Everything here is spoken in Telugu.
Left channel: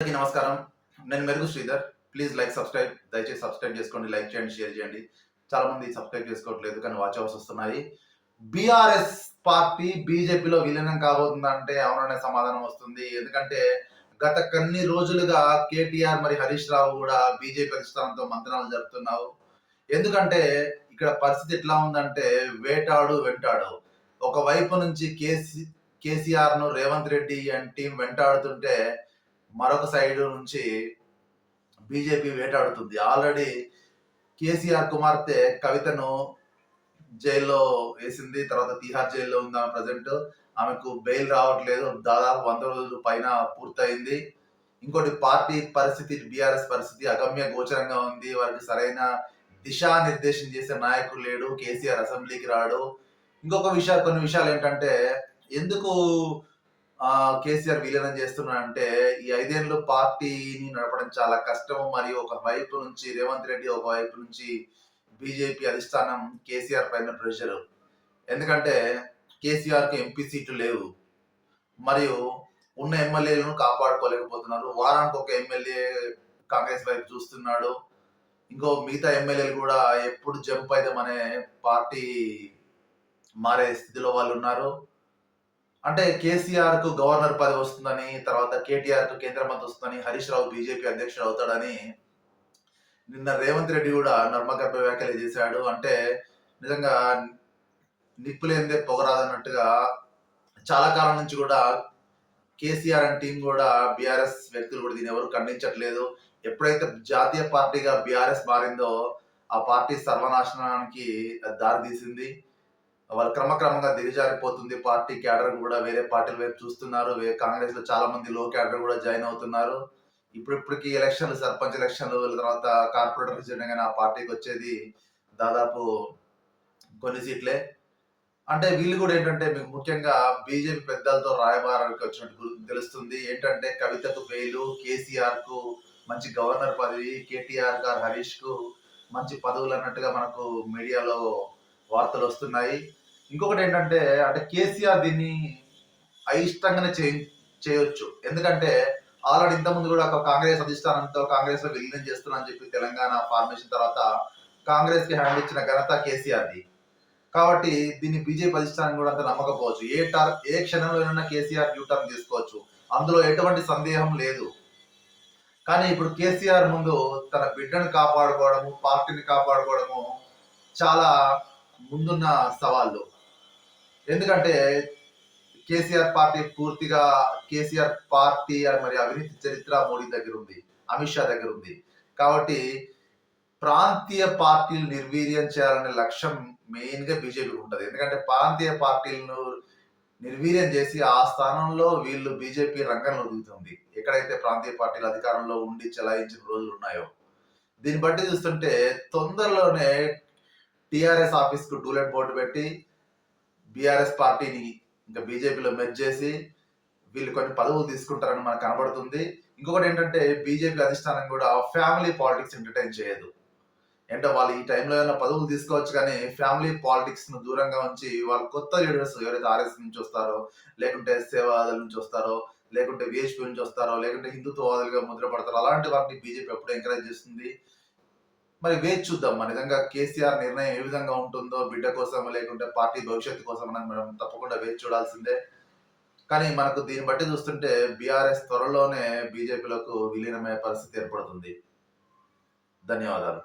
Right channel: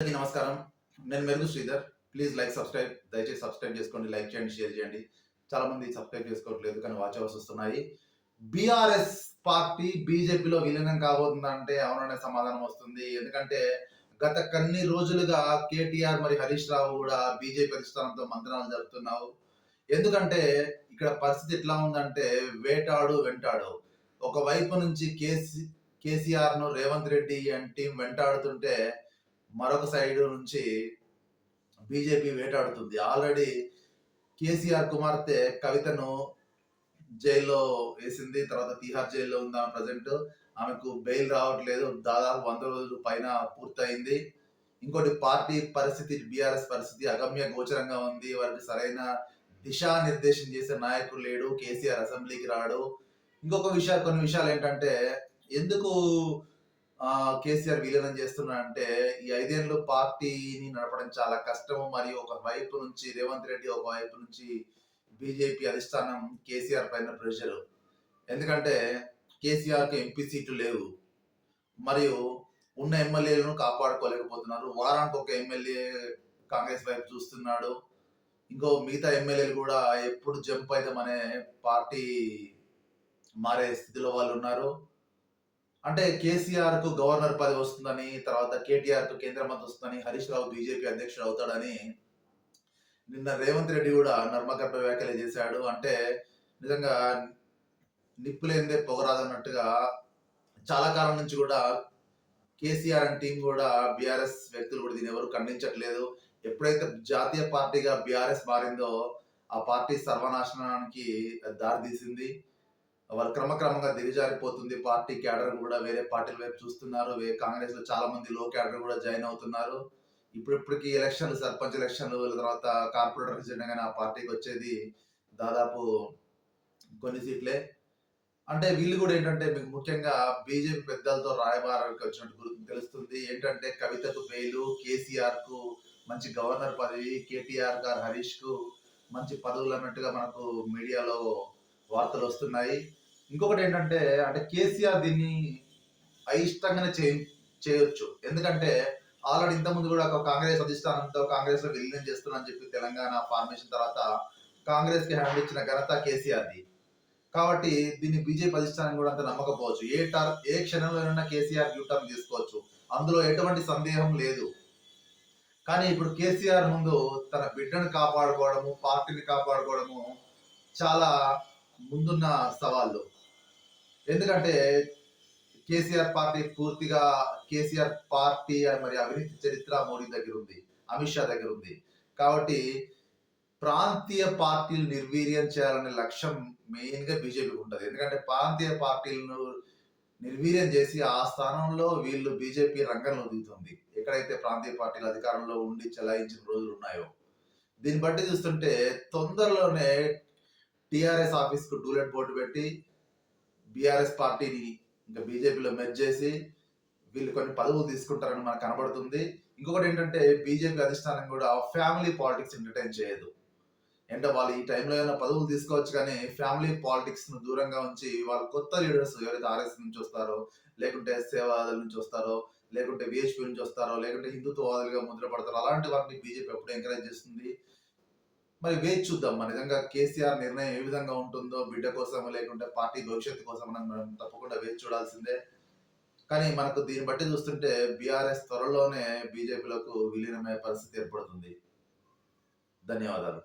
అందరికీ నమస్కారం. నేను Merugu Sridhar. Please like, subscribe. దయచేసి సబ్స్క్రైబ్ చేసుకోండి, లైక్ చేయండి, షేర్ చేయండి. చాలా మంది సబ్స్క్రైబ్ చేసుకోవట్లేదు కానీ వాచ్ అవర్స్ వస్తున్నాయి. బీఆర్ఎస్ పార్టీ బీజేపీలో విలీనం కాబోతుందంటే అవుననే సమాధానం వస్తుంది. ఎందుకంటే గత కొన్ని రోజులుగా కేటీఆర్ మరి హరీష్ రావు కూడా బీజేపీ అధిష్టానంతో మంతనాలు జరుపుతున్నారు. ఎందుకంటే ఇక్కడ పరిస్థితి ఎట్లా ఉందంటే వేటాడు వెంటాడు. ఒకవైపు నుంచి కేసీఆర్‌ను రేవంత్ రెడ్డి అండ్ టీమ్ వెంటాడుతుంటే మరొక సైడ్ నుంచి బీజేపీ వేటాడుతుంది. ఆల్రెడీ కేసీఆర్ కుమార్తె కవితను జైల్లో వేసింది. తర్వాత తీహార్ జైల్లో ఉంది ఆమె ప్రెజెంట్. ఆమెకు బెయిల్ రావట్లేదు. దాదాపు 100 రోజులు పైన పూర్తయింది. ఇంకోటి పార్టీ పరిస్థితి, బీఆర్ఎస్ పరిస్థితి అగమ్య గోచరంగా ఉంది. వారికి సరైన దిశానిర్దేశం చేసే నాయకుడు లేడు. కేసీఆర్ అసెంబ్లీకి రాడు. కొన్ని విషయాలు ఏంటంటే ఎందుకు కేసీఆర్ విలీనం చేస్తున్నాడంటే ఈ 5 ఏళ్ళు పార్టీని నడపడం చాలా కష్టం. మరియు ఒక వైపు నుంచి రేవంత్ రెడ్డి, ఒక వైపు నుంచి బీజేపీ అధిష్టానం కేసీఆర్ పైన ప్రెషర్. ఎందుకంటే కేసీఆర్‌కి ఎంపీ సీట్లు లేవు. మరియు ఉన్న ఎమ్మెల్యేలను కాపాడుకోలేకపోతున్నారు. వారానికి ఒక ఎమ్మెల్యే కాంగ్రెస్ వైపు చూస్తున్నాడు. మిగతా ఎమ్మెల్యేలు కూడా ఎప్పుడు జంప్ అయిదామనే పార్టీ మారే స్థితిలో వాళ్ళున్నారు. అంటే కేసీఆర్‌కు గవర్నర్ పదవి వస్తుందని, తర్వాత కేటీఆర్‌కు కేంద్ర మంత్రి వస్తుందని, హరీష్ రావు బీజేపీ అధ్యక్షుడు అవుతాడని నిన్న రేవంత్ రెడ్డి కూడా నర్మగర్భ వ్యాఖ్యలు చేశాడు. అంటే నిజంగా నిప్పు లేనిదే పొగరాదన్నట్టుగా చాలా కాలం నుంచి కూడా కేసీఆర్ అండ్ టీం కూడా బీఆర్ఎస్ వ్యక్తులు కూడా దీన్ని ఎవరు ఖండించట్లేదు. ఎప్పుడైతే జాతీయ పార్టీగా బీఆర్ఎస్ మారిందో ఆ పార్టీ సర్వనాశనానికి దారితీసింది. వాళ్ళు క్రమక్రమంగా దిగజారిపోతుంది. పార్టీ క్యాడర్ కూడా వేరే పార్టీల వైపు చూస్తున్నారు. కాంగ్రెస్ లో చాలా మంది లో క్యాడర్ కూడా జాయిన్ అవుతున్నారు. ఇప్పటికి ఎలక్షన్లు, సర్పంచ్ ఎలక్షన్లు తర్వాత కార్పొరేటర్ రిజల్ట్ ఆ పార్టీకి వచ్చేది దాదాపు కొన్ని సీట్లే. అంటే వీళ్ళు కూడా ఏంటంటే మీకు ముఖ్యంగా బీజేపీ పెద్దలతో రాయబారానికి వచ్చినట్టు తెలుస్తుంది. ఏంటంటే కవితకు బెయిలు, కేసీఆర్ కు మంచి గవర్నర్ పదవి, కేటీఆర్ గారు హరీష్ కు మంచి పదవులు అన్నట్టుగా మనకు మీడియాలో వార్తలు వస్తున్నాయి. ఇంకొకటి ఏంటంటే అంటే కేసీఆర్ దీన్ని అయిష్టంగానే చేయొచ్చు. ఎందుకంటే ఆల్రెడీ ఇంతకుముందు కూడా ఒక కాంగ్రెస్ అధిష్టానంతో కాంగ్రెస్ లో విలీనం చేస్తున్నా అని చెప్పి తెలంగాణ ఫార్మేషన్ తర్వాత కాంగ్రెస్ కి హ్యాండ్ ఇచ్చిన ఘనత కేసీఆర్ది. కాబట్టి దీన్ని బీజేపీ అధిష్టానం కూడా అంత నమ్మకపోవచ్చు. ఏ క్షణంలోనైనా కేసీఆర్ యూటర్న్ తీసుకోవచ్చు. అందులో ఎటువంటి సందేహం లేదు. కానీ ఇప్పుడు కేసీఆర్ ముందు తన బిడ్డను కాపాడుకోవడము, పార్టీని కాపాడుకోవడము చాలా ముందున్న సవాళ్ళు. ఎందుకంటే కేసీఆర్ పార్టీ మరి అవినీతి చరిత్ర మోడీ దగ్గర ఉంది, అమిత్ షా దగ్గర ఉంది. కాబట్టి ప్రాంతీయ పార్టీలు నిర్వీర్యం చేయాలనే లక్ష్యం మెయిన్ గా బీజేపీకి ఉంటది. ఎందుకంటే ప్రాంతీయ పార్టీలను నిర్వీర్యం చేసి ఆ స్థానంలో వీళ్ళు బీజేపీ రంగంలో దిగుతుంది. ఎక్కడైతే ప్రాంతీయ పార్టీలు అధికారంలో ఉండి చెలాయించిన రోజులు ఉన్నాయో దీన్ని బట్టి చూస్తుంటే తొందరలోనే టిఆర్ఎస్ ఆఫీస్ కు డూలెట్ బోర్డు పెట్టి బీఆర్ఎస్ పార్టీని ఇంకా బీజేపీలో మెర్జ్ చేసి వీళ్ళు కొన్ని పదవులు తీసుకుంటారని మనకు కనబడుతుంది. ఇంకొకటి ఏంటంటే బీజేపీ అధిష్టానం కూడా ఫ్యామిలీ పాలిటిక్స్ ఎంటర్టైన్ చేయదు. అంటే వాళ్ళు ఈ టైంలో ఏమైనా పదవులు తీసుకోవచ్చు కానీ ఫ్యామిలీ పాలిటిక్స్ ను దూరంగా ఉంచి వాళ్ళు కొత్త లీడర్స్ ఎవరైతే ఆర్ఎస్ నుంచి వస్తారో, లేకుంటే సేవాదళ నుంచి వస్తారో, లేకుంటే విహెచ్పి నుంచి వస్తారో, లేకుంటే హిందుత్వవాదులుగా ముద్రపడతారో అలాంటి వాటిని బీజేపీ ఎప్పుడు ఎంకరేజ్ చేస్తుంది. మరి వేచి చూద్దాం. మన నిజంగా కేసీఆర్ నిర్ణయం ఏ విధంగా ఉంటుందో, బిడ్డ కోసం లేకుంటే పార్టీ భవిష్యత్తు కోసం మనం తప్పకుండా వేచి చూడాల్సిందే. కానీ మనకు దీన్ని బట్టి చూస్తుంటే బీఆర్ఎస్ త్వరలోనే బీజేపీలకు విలీనమయ్యే పరిస్థితి ఏర్పడుతుంది. ధన్యవాదాలు.